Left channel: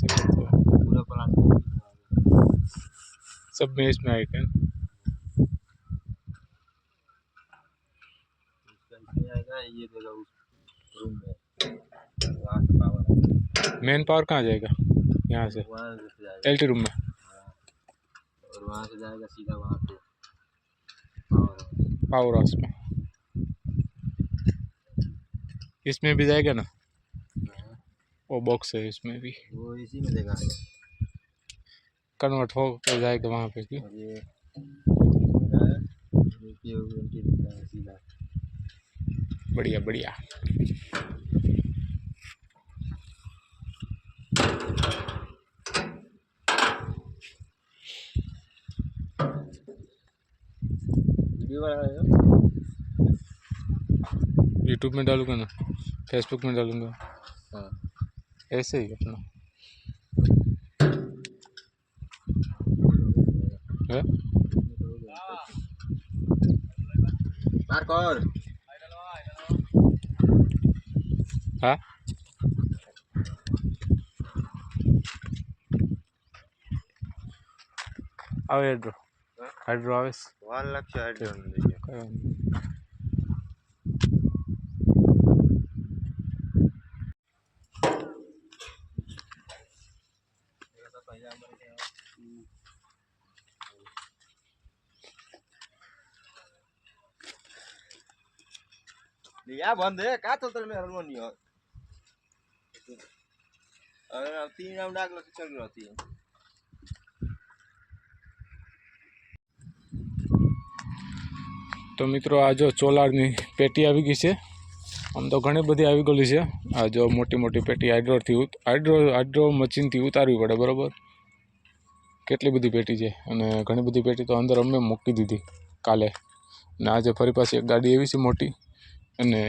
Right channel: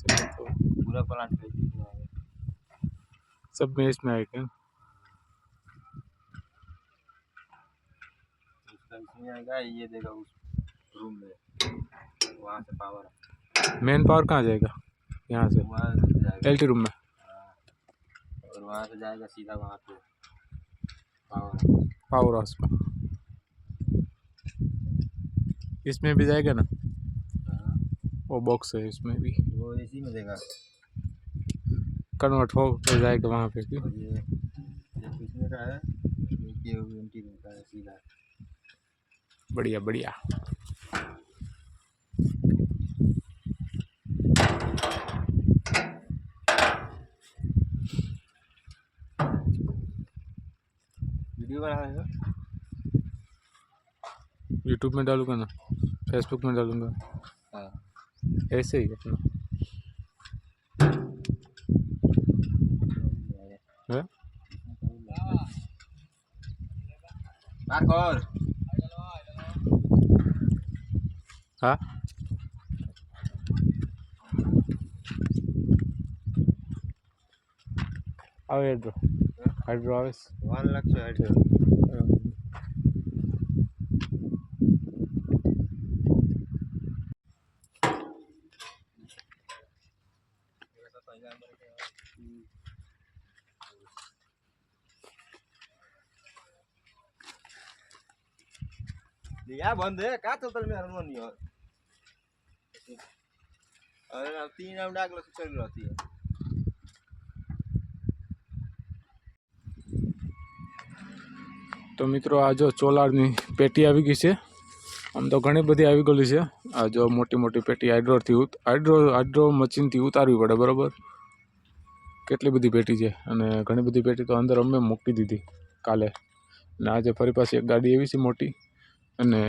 सके तो पूरा प्लांट में सब में इसमें आएगा। उसका इसमें आएगा, ये देगा उस रूम में, वहाँ से पावर मेन पावर कहाँ जाएगा? यहाँ से वहाँ से जाएगा। एलटी रूम में। हाँ, और वहाँ से जाएगा सीधा वहाँ पे पावर। पावर हाउस में। इसमें भी जाएगा ना, हाँ, वो बॉक्स है इसमें भी वो इसी में देगा, कन्वर्ट हो जाएगा वहाँ पे भी। और ये किसमें का है, ये एंटी दिखता है सीधा। बढ़िया बढ़िया। वीडियो बना रहे हो? यूट्यूब में डालूंगा ना, फेसबुक में डालूंगा। हाँ, ऐसे ही अपना है। हाँ આવે હાઇડ્રો હાઇડ્રો આવે 1 लाख से हाइड्रो लिया बंद है का चलता में हरमोन नहीं हो। अरे ना 3 राउंड आग लग चल रहती है। तो मित्रों आ जो ચોલારની પેટી આવી ગઈ છે। આમ તો ઘણી બધી આવી ગયેલી છે। આ જો મોટી મોટી પેટી હાઇડ્રો મશીનથી ઉતારવી પડે બરાબર। કેટલી બધી પેટી છે અને ઘણી બધી પેટી તો અંદર અમે મૂકી દીધી કાલે, અને આજે ફરી પાછી એક ગાડી એવી છે મોટી અને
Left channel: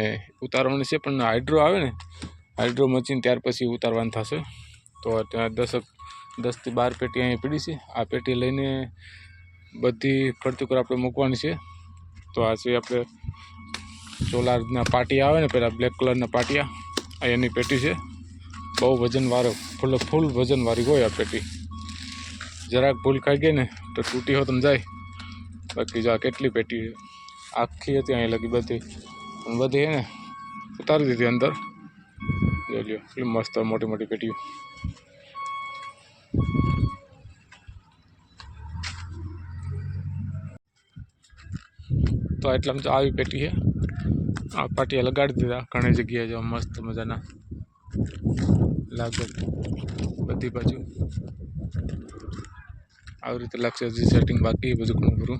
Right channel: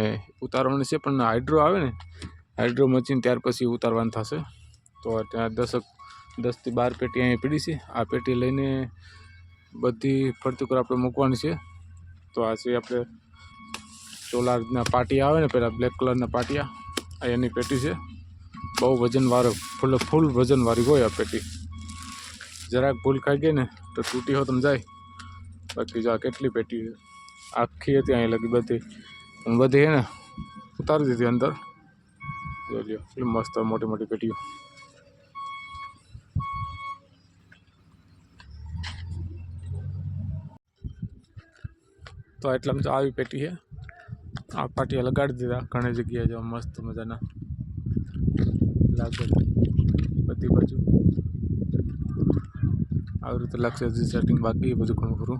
ઉતારવાની છે, પણ હાઇડ્રો આવે ને હાઇડ્રો મશીન ત્યાર પછી ઉતારવાનું થશે। તો ત્યાં 10 થી 12 પેટી અહીંયા પડી છે। આ પેટી લઈને બધી ફરતી ઉપર આપણે મૂકવાની છે। તો આ છે આપણે સોલારના પાટિયા આવે ને, પેલા બ્લેક કલરના પાટિયા, આ એની પેટી છે। બહુ વજનવાળો ફૂલ વજનવાળી હોય આ પેટી। જરાક ભૂલ ખાઈ ગઈ ને તો તૂટી હો તમે જાય। બાકી જો આ કેટલી પેટી આખી હતી અહીં લગી બધી, પણ બધી હે ને ઉતારી દીધી અંદર। જો લ્યો કેટલી મસ્ત મોટી મોટી પેટીઓ। તો એટલામાં તો આવી પેટી છે। આ પાટિયા લગાડી દીધા ઘણી જગ્યાએ, જો મસ્ત મજાના લાગે બધી બાજુ આવી રીતે લાગશે। હજી સેટિંગ બાકી બધું ઘણું ખરું।